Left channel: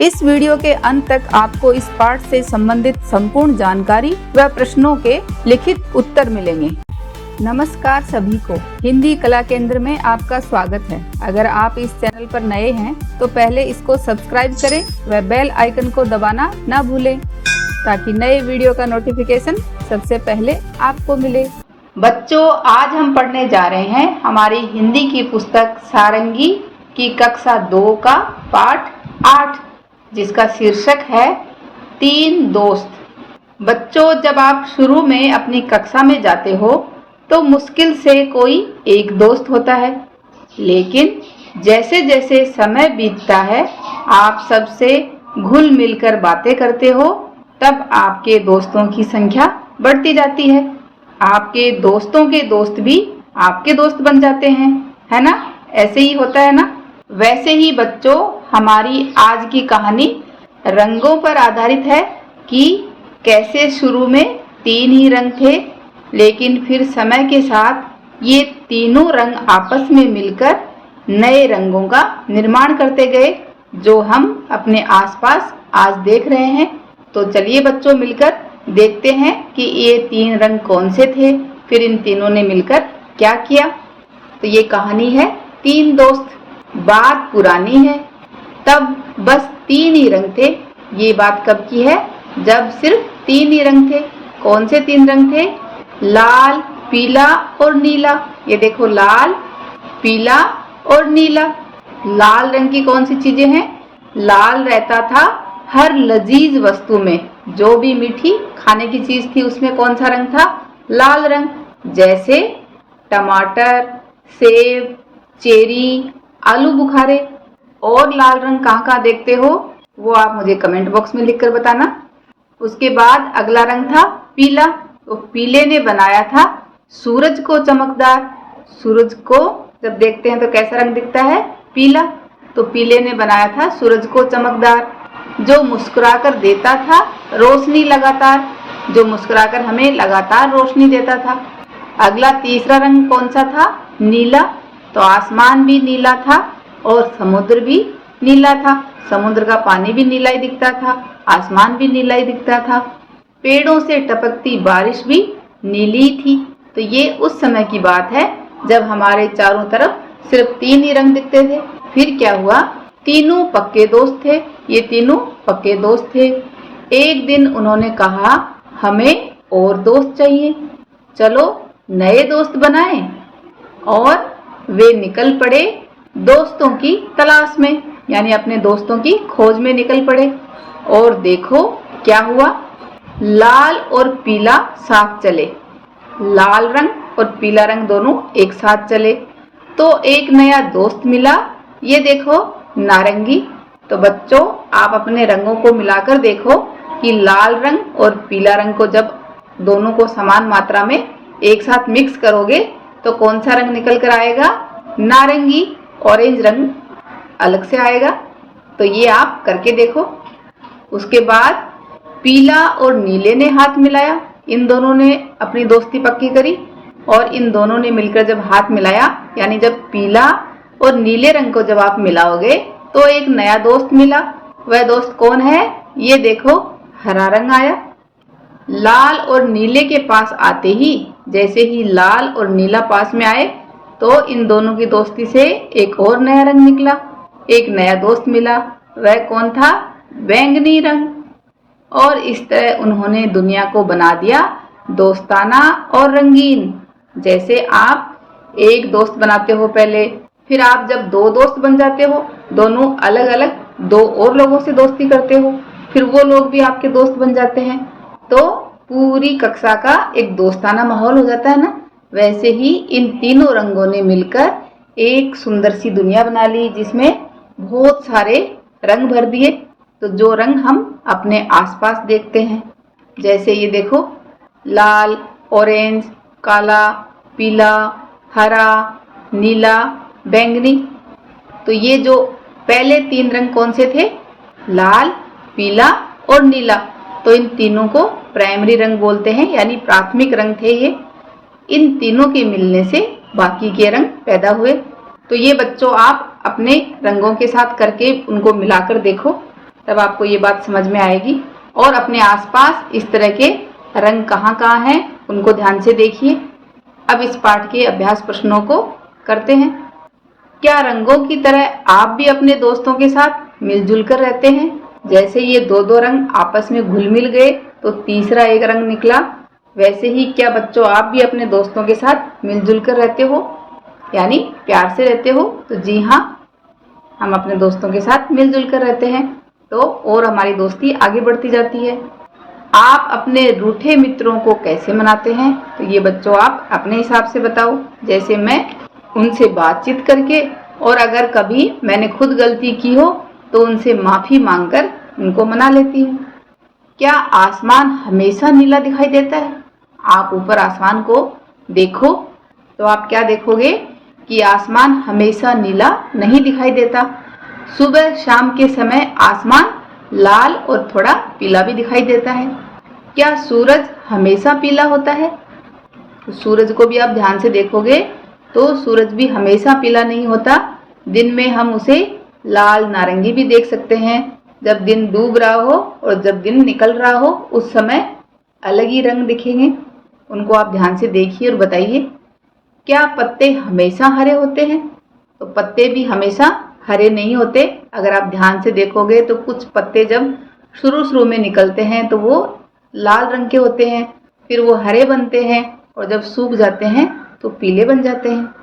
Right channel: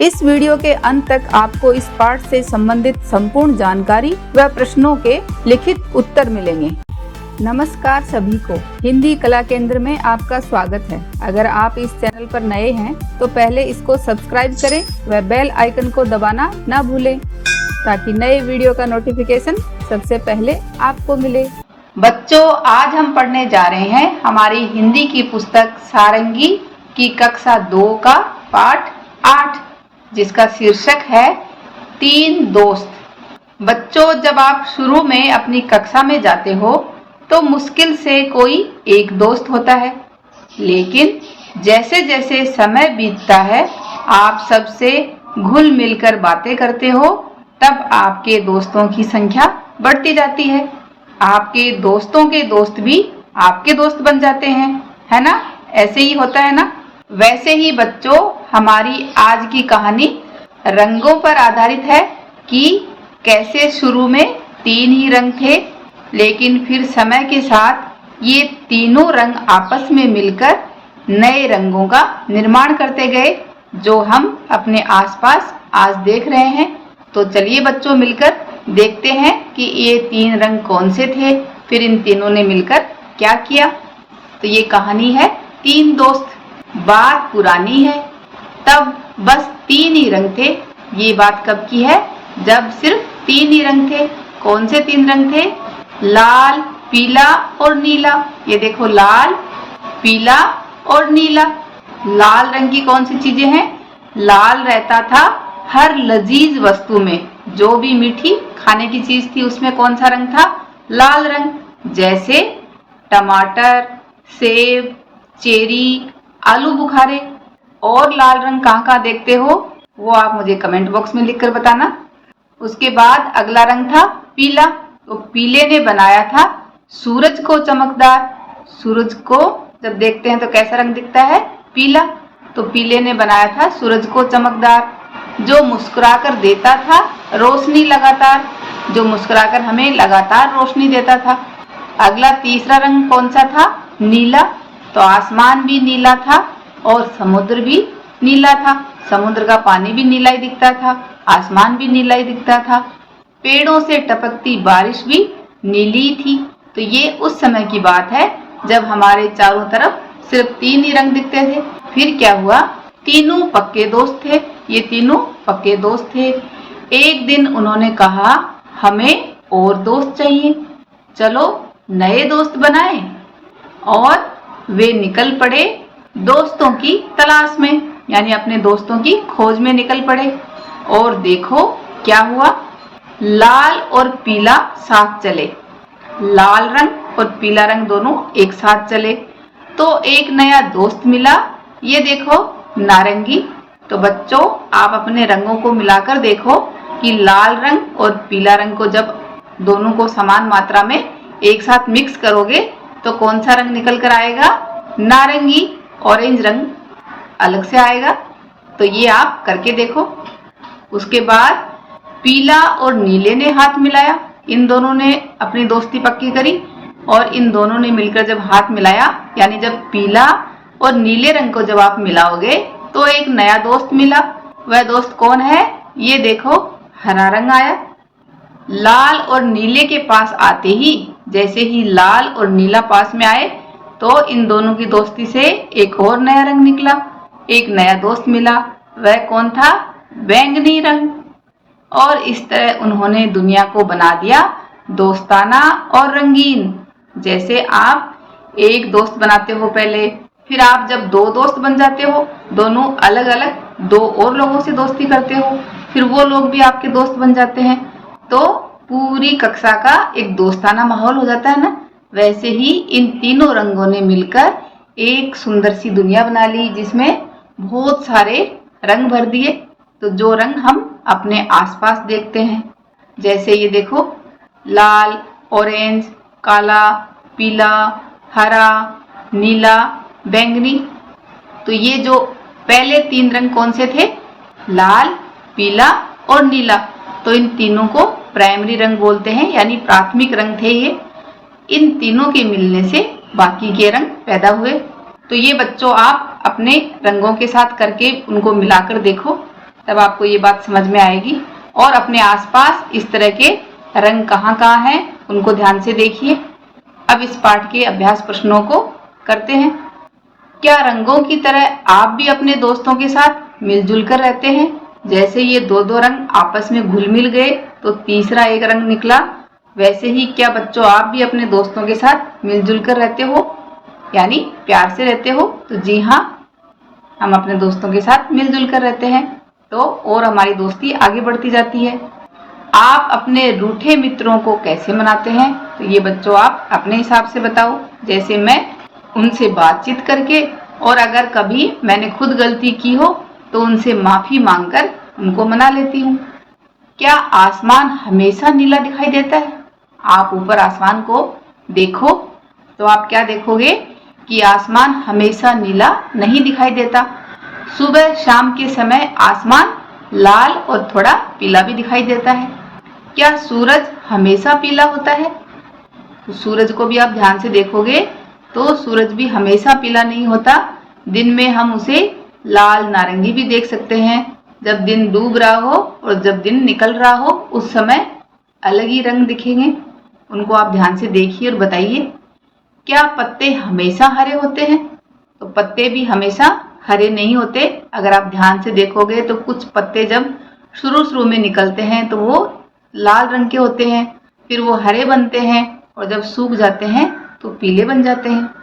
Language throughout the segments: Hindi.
इस वीडियो के अंत तक आपको इस पाठ से संबंधित संपूर्ण जानकारी व प्रश्नों के लिखित उत्तर मिलेंगे। नमस्कार सभी को, हिंदी कला केंद्र में आपका स्वागत है। अगर आप इस चैनल पर नए हैं तो पहले इसको सब्सक्राइब करें व बेल आइकन को दबाना ना भूलें ताकि नए वीडियो का नोटिफिकेशन सबसे पहले आपको मिले। बच्चों, आज हम पढ़ने जा रहे हैं हमारी हिंदी की पुस्तक सारंगी की कक्षा 2 का पाठ 8, जिसका शीर्षक है 3 दोस्त। बच्चों, जब आप शुरू में अपनी कक्षा में जाते हो तो मुश्किल से कोई एक दोस्त होता है, लेकिन जैसे जैसे समय बीतता है आप सबसे घुल मिलकर बातें करते हो, तब आपके दोस्तों की संख्या बढ़ती जाती है। आपके दोस्तों के दोस्त भी आपके दोस्त बन जाते हैं, है ना? ऐसे ही होता है ना? वैसे ही बच्चों, हमारी आज की कहानी रंगों पर आधारित है कि कैसे शुरू में 3 ही रंग थे, लेकिन फिर समय के साथ ये तीनों रंग आपस में मिलकर नए रंगों का निर्माण करते गए, जो हम अपने आसपास आज देख रहे हैं। तो चलिए बच्चों, मिलकर देखते हैं कि ये 3 रंग कौन से थे, फिर इन तीनों ने मिलकर क्या किया। तो ये कहानी है 3 दोस्त। बात पुरानी है, तब बस 3 ही रंग थे। ये बात कब की है? जब सिर्फ 3 ही रंग थे। कौन से 3 रंग थे? लाल, पीला और नीला। ये देखो, लाल, पीला और नीला। लाल रंग की कौन सी चीजें हैं? लाल रहता था हर लजीज वस्तु में। जो भी मीठी खाने की चीज थी उसमें कौन सा रंग था? लाल रंग। जैसे टमाटर, सेब, चेरी, आलू बुखारे। और लाल रंग कहाँ कहाँ देखते हो वो आप मुझे कमेंट बॉक्स में लिखकर बताना। उसके बाद अगला रंग था पीला। तो पीले ने बनाया था सूरज को चमकदार। सूरज को जब देखते हैं तो कैसा रंग दिखता है? पीला। तो पीले ने बनाया था सूरज को चमकदार, जो मुस्कुराकर देता था रोशनी लगातार, जो मुस्कुराकर हमें लगातार रोशनी देता था। अगला तीसरा रंग कौन सा था? नीला। तो आसमान भी नीला था और समुद्र भी नीला था। समुद्र का पानी भी नीला ही दिखता था, आसमान भी नीला ही दिखता था। पेड़ों से टपकती बारिश भी नीली थी। तो ये उस समय की बात है जब हमारे चारों तरफ सिर्फ 3 ही रंग दिखते थे। फिर क्या हुआ? तीनों पक्के दोस्त थे। ये तीनों पक्के दोस्त थे। एक दिन उन्होंने कहा, हमें और दोस्त चाहिए, चलो नए दोस्त बनाएं। और वे निकल पड़े दोस्तों की तलाश में, यानी अपने दोस्तों की खोज में निकल पड़े। और देखो क्या हुआ? लाल और पीला साथ चले। लाल रंग और पीला रंग दोनों एक साथ चले तो एक नया दोस्त मिला। ये देखो, नारंगी। तो बच्चों, आप अपने रंगों को मिलाकर देखो कि लाल रंग और पीला रंग को जब दोनों को समान मात्रा में एक साथ मिक्स करोगे तो कौन सा रंग निकल कर आएगा? नारंगी। ऑरेंज रंग अलग से आएगा। तो ये आप करके देखो। उसके बाद पीला और नीले ने हाथ मिलाया। इन दोनों ने अपनी दोस्ती पक्की करी और इन दोनों ने मिलकर जब हाथ मिलाया, यानी जब पीला और नीले रंग को जब आप मिलाओगे तो एक नया दोस्त मिला। वह दोस्त कौन है? ये देखो, हरा रंग आया। लाल और नीले के पास आते ही, जैसे ही लाल और नीला पास में आए तो इन दोनों की दोस्ती से एक और नया रंग निकला, एक नया दोस्त मिला। वह कौन था? बैंगनी रंग। और इस तरह उन्होंने दुनिया को बना दिया दोस्ताना और रंगीन। जैसे आप एक दोस्त बनाते हो पहले, फिर आप जब 2 दोस्त बन जाते हो, दोनों अलग अलग 2 और लोगों से दोस्ती करते हो, फिर वो लोग भी आपके दोस्त बन जाते हैं, तो पूरी कक्षा का एक दोस्ताना माहौल हो जाता है ना। वैसे ही इन तीनों रंगों ने मिलकर एक सुंदर सी दुनिया बना ली, जिसमें बहुत सारे रंग भर दिए। तो जो रंग हम अपने आसपास देखते हैं, जैसे ये देखो, लाल, ऑरेंज, काला, पीला, हरा, नीला, बैंगनी। तो ये जो पहले 3 रंग कौन से थे? लाल, पीला और नीला। तो इन तीनों को प्राइमरी रंग बोलते हैं, यानी प्राथमिक रंग थे ये। इन तीनों के मिलने से बाकी के रंग पैदा हुए। तो ये बच्चों, आप अपने रंगों के साथ करके उनको मिलाकर देखो। तब आपको ये बात समझ में आएगी। और अपने आसपास इस तरह के रंग कहाँ कहाँ हैं उनको ध्यान से देखिए। अब इस पाठ के अभ्यास प्रश्नों को करते हैं। क्या रंगों की तरह आप भी अपने दोस्तों के साथ मिलजुल कर रहते हैं? जैसे ये दो रंग आपस में घुल मिल गए तो तीसरा एक रंग निकला, वैसे ही क्या बच्चों आप भी अपने दोस्तों के साथ मिलजुल कर रहते हो, यानी प्यार से रहते हो? तो जी हाँ, हम अपने दोस्तों के साथ मिलजुल कर रहते हैं तो और हमारी दोस्ती आगे बढ़ती जाती है। आप अपने रूठे मित्रों को कैसे मनाते हैं? तो ये बच्चों आप अपने हिसाब से बताओ। जैसे मैं उनसे बातचीत करके, और अगर कभी मैंने खुद गलती की हो तो उनसे माफ़ी मांगकर उनको मना लेती हूँ। क्या आसमान हमेशा नीला दिखाई देता है? आप ऊपर आसमान को देखो तो आप क्या देखोगे कि आसमान हमेशा नीला नहीं दिखाई देता। सुबह शाम के समय आसमान लाल और थोड़ा पीला भी दिखाई देता है। क्या सूरज हमेशा पीला होता है? तो सूरज को भी आप ध्यान से देखोगे तो सूरज भी हमेशा पीला नहीं होता। दिन में हम उसे लाल नारंगी भी देख सकते हैं। जब दिन डूब रहा हो और जब दिन निकल रहा हो उस समय अलग ही रंग दिखेंगे। उनको आप ध्यान से देखिए और बताइए। क्या पत्ते हमेशा हरे होते हैं? तो पत्ते भी हमेशा हरे नहीं होते। अगर आप ध्यान से देखोगे तो कुछ पत्ते जब शुरू में निकलते हैं तो वो लाल रंग के होते हैं, फिर वो हरे बनते हैं और जब सूख जाते हैं तो पीले बन जाते हैं।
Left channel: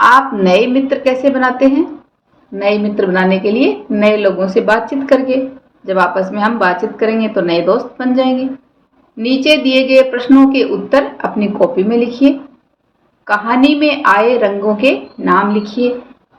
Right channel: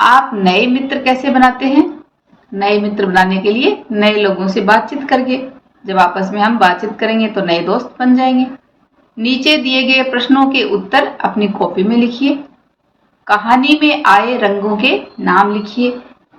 आप नए मित्र कैसे बनाते हैं? नए मित्र बनाने के लिए नए लोगों से बातचीत करके। जब आपस में हम बातचीत करेंगे तो नए दोस्त बन जाएंगे। नीचे दिए गए प्रश्नों के उत्तर अपनी कॉपी में लिखिए। कहानी में आए रंगों के नाम लिखिए।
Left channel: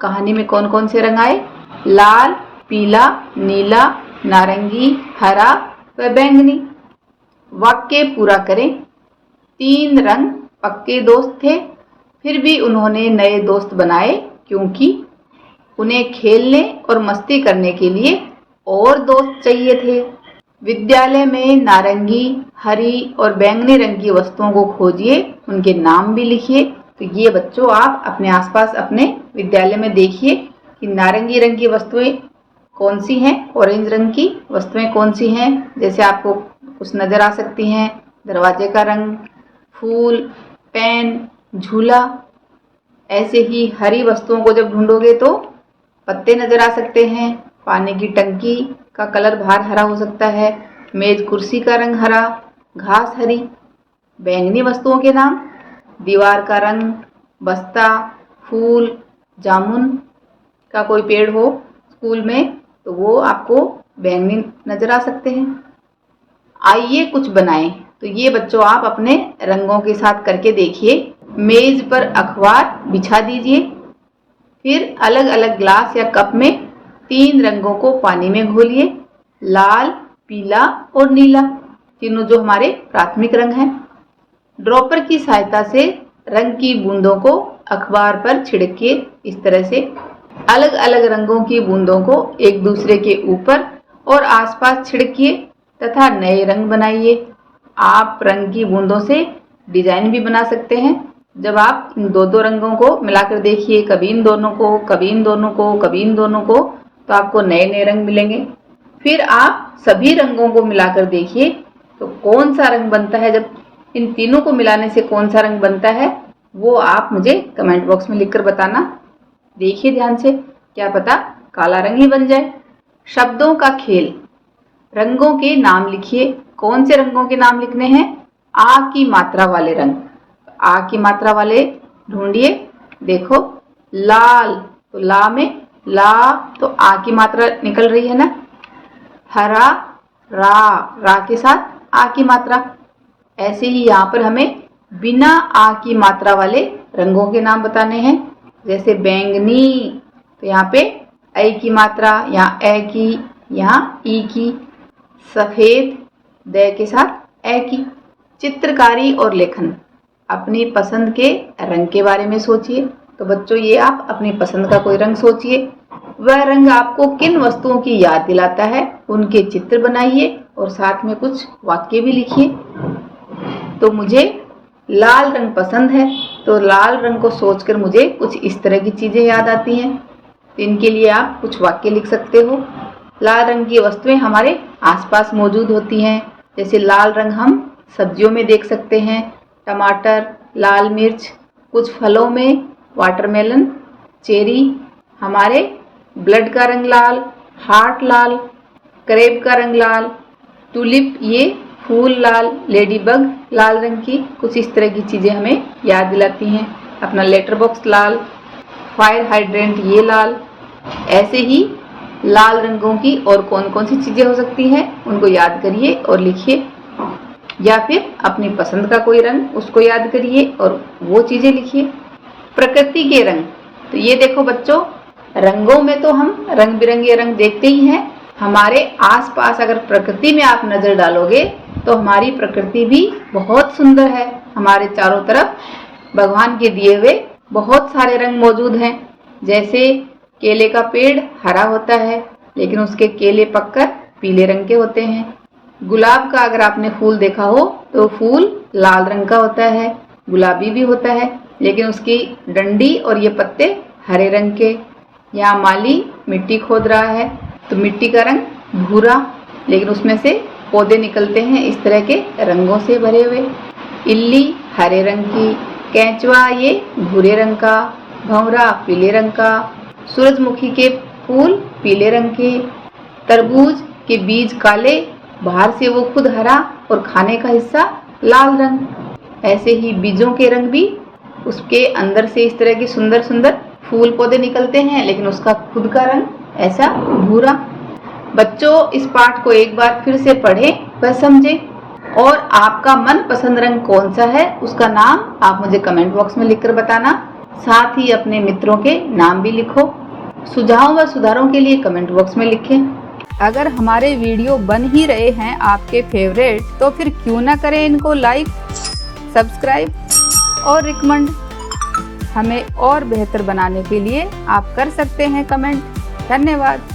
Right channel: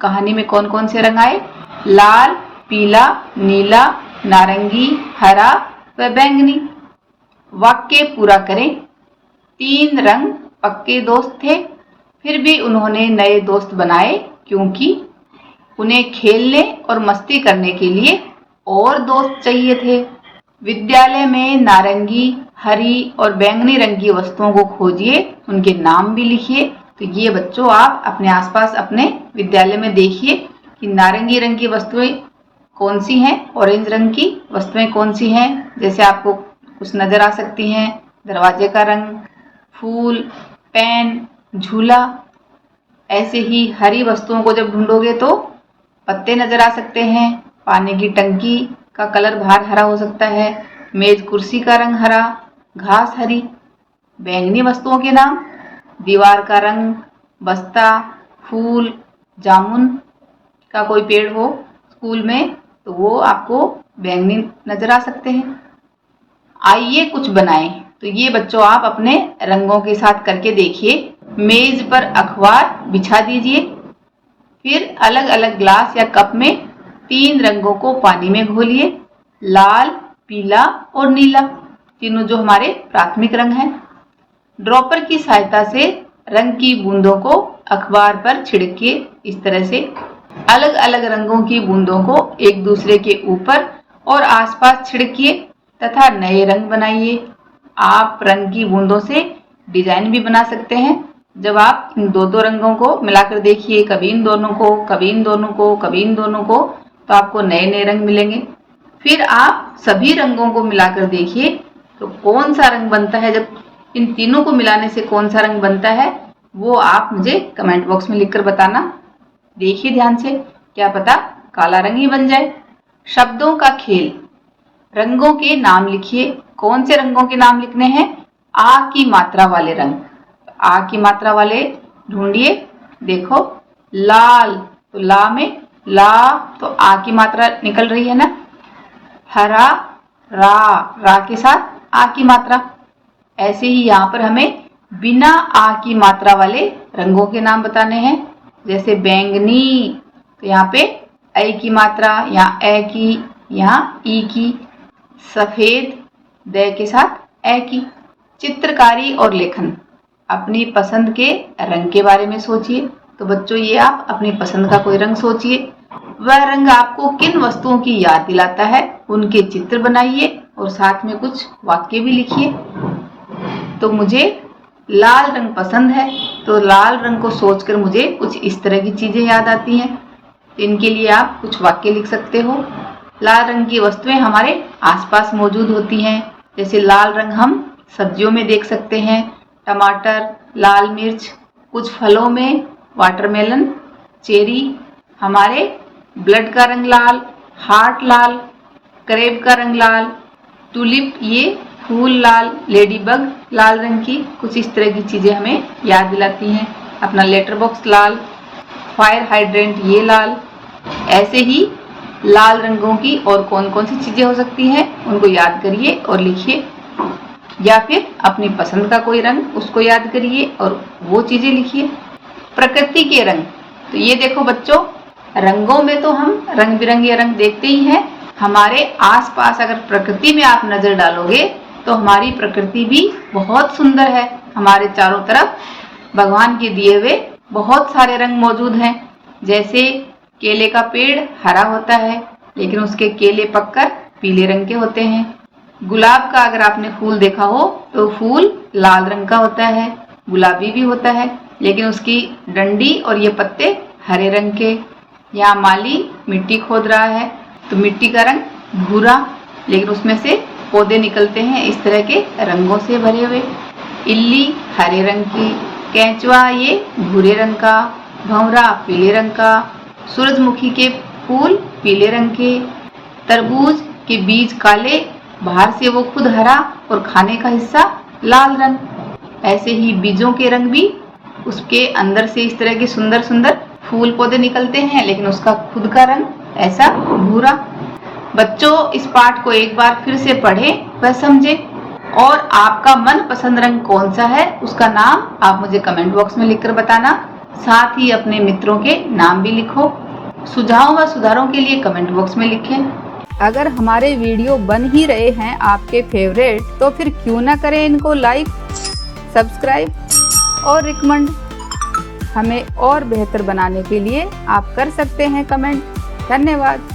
कहानी में कौन कौन से रंग आए? लाल, पीला, नीला, नारंगी, हरा व बैंगनी। वाक्य पूरा करें। 3 रंग पक्के दोस्त थे, फिर भी उन्होंने नए दोस्त बनाए क्योंकि उन्हें खेलने और मस्ती करने के लिए और दोस्त चाहिए थे। विद्यालय में नारंगी, हरी और बैंगनी रंग की वस्तुओं को खोजिए, उनके नाम भी लिखिए। तो ये बच्चों आप अपने आसपास अपने विद्यालय में देखिए कि नारंगी रंग की वस्तुएं कौन सी हैं, ऑरेंज रंग की वस्तुएं कौन सी हैं। जैसे आपको कुछ नजर आ सकती हैं, दरवाजे का रंग, फूल, पेन, झूला। ऐसे ही हरी वस्तुओं को जब ढूंढोगे तो पत्ते नजर आ सकते हैं, पानी की टंकी का कलर बाहर हरा हो सकता है, मेज कुर्सी का रंग हरा, घास हरी। बैंगनी वस्तुओं के नाम, दीवार का रंग, बस्ता, फूल, जामुन का कोई पेड़ हो स्कूल में तो वो आपको बैंगनी नजर आ सकते हैं। आइए कुछ बनाएं। तो ये बच्चों आप अपने रंगों के साथ करके देखिए। मेज पर अखबार बिछा दीजिए, फिर अलग अलग ग्लास या कप में 3 रंगों को पानी में घोलिए। लाल, पीला और नीला, तीनों जो हमारे प्राथमिक रंग हैं। ड्रॉपर की सहायता से रंग की बूंदों को अखबार पर छिड़किए। इस तरह से अलग अलग रंगों की बूंदों को एक दूसरे के ऊपर और आसपास छिड़किए तथा नए रंग बनाइए। आप रंग की बूंदों से डिजाइन भी बना सकते हैं। जब आप इन दो रंगों को मिलाकर देखिए, कभी इन दोनों को, कभी इन दोनों को, कभी इन दोनों को, तो आपको नए नए रंग मिलेंगे। फिर आप सभी रंगों को मिलाकर देखिए तो कौन सा रंग बनता है। जब इन तीनों को मिलाने से कौन सा रंग बनता है वो आप मुझे कमेंट बॉक्स में लिखकर बताना। देखिए ध्यान से, क्या पता काला रंग ही बन जाए। शब्दों का खेल। रंगों के नाम लिखिए। कौन से रंगों के नाम लिखने हैं? आ की मात्रा वाले रंग। आ की मात्रा वाले ढूंढिए। देखो, लाल, तो ला में ला, तो आ की मात्रा निकल रही है ना। हरा, रा के साथ आ की मात्रा। ऐसे ही यहाँ पर हमें बिना आ की मात्रा वाले रंगों के नाम बताने हैं। जैसे बैंगनी, तो यहाँ पे ऐ की मात्रा, यहाँ ए की, यहाँ ई की। सफेद, द के साथ ए की। चित्रकारी और लेखन। अपनी पसंद के रंग के बारे में सोचिए। तो बच्चों ये आप अपनी पसंद का कोई रंग सोचिए। वह रंग आपको किन वस्तुओं की याद दिलाता है, उनके चित्र बनाइए और साथ में कुछ वाक्य भी लिखिए। तो मुझे लाल रंग पसंद है, तो लाल रंग को सोचकर मुझे कुछ इस तरह की चीजें याद आती हैं। तो इनके लिए आप कुछ वाक्य लिख सकते हो। लाल रंग की वस्तुएं हमारे आसपास मौजूद होती हैं। जैसे लाल रंग हम सब्जियों में देख सकते हैं, टमाटर, लाल मिर्च, कुछ फलों में वाटरमेलन, चेरी। हमारे ब्लड का रंग लाल, हार्ट लाल, करेब का रंग लाल, टूलिप ये फूल लाल, लेडीबग लाल रंग की, कुछ इस तरह की चीजें हमें याद दिलाती हैं। अपना लेटर बॉक्स लाल, फायर हाइड्रेंट ये लाल। ऐसे ही लाल रंगों की और कौन कौन सी चीजें हो सकती हैं उनको याद करिए और लिखिए, या फिर अपनी पसंद का कोई रंग उसको याद करिए और वो चीजें लिखिए। प्रकृति के रंग, तो ये देखो बच्चों, रंगों में तो हम रंग बिरंगे रंग देखते ही हैं। हमारे आसपास अगर प्रकृति में आप नजर डालोगे तो हमारी प्रकृति भी बहुत सुंदर है। हमारे चारों तरफ भगवान के दिए हुए बहुत सारे रंग मौजूद हैं। जैसे केले का पेड़ हरा होता है, लेकिन उसके केले पककर पीले रंग के होते हैं। गुलाब का अगर आपने फूल देखा हो तो फूल लाल रंग का होता है, गुलाबी भी होता है, लेकिन उसकी डंडी और ये पत्ते हरे रंग के। यहाँ माली मिट्टी खोद रहा है तो मिट्टी का रंग भूरा, लेकिन उसमें से पौधे निकलते हैं इस तरह के रंगों से भरे हुए। इल्ली हरे रंग की, केंचुआ ये भूरे रंग का, भंवरा पीले रंग का, सूरजमुखी के फूल पीले रंग के, तरबूज के बीज काले, बाहर से वो खुद हरा और खाने का हिस्सा लाल रंग। ऐसे ही बीजों के रंग भी, उसके अंदर से इस तरह की सुंदर सुंदर फूल पौधे निकलते हैं, लेकिन उसका खुद का रंग ऐसा भूरा। बच्चों, इस पाठ को एक बार फिर से पढ़ें व समझें, और आपका मनपसंद रंग कौन सा है उसका नाम आप मुझे कमेंट बॉक्स में लिखकर बताना। साथ ही अपने मित्रों के नाम भी लिखो। सुझाव व सुधारों के लिए कमेंट बॉक्स में लिखें। अगर हमारे वीडियो बन ही रहे हैं आपके फेवरेट, तो फिर क्यों ना करें इनको लाइक, सब्सक्राइब और रिकमेंड। हमें और बेहतर बनाने के लिए आप कर सकते हैं कमेंट। धन्यवाद।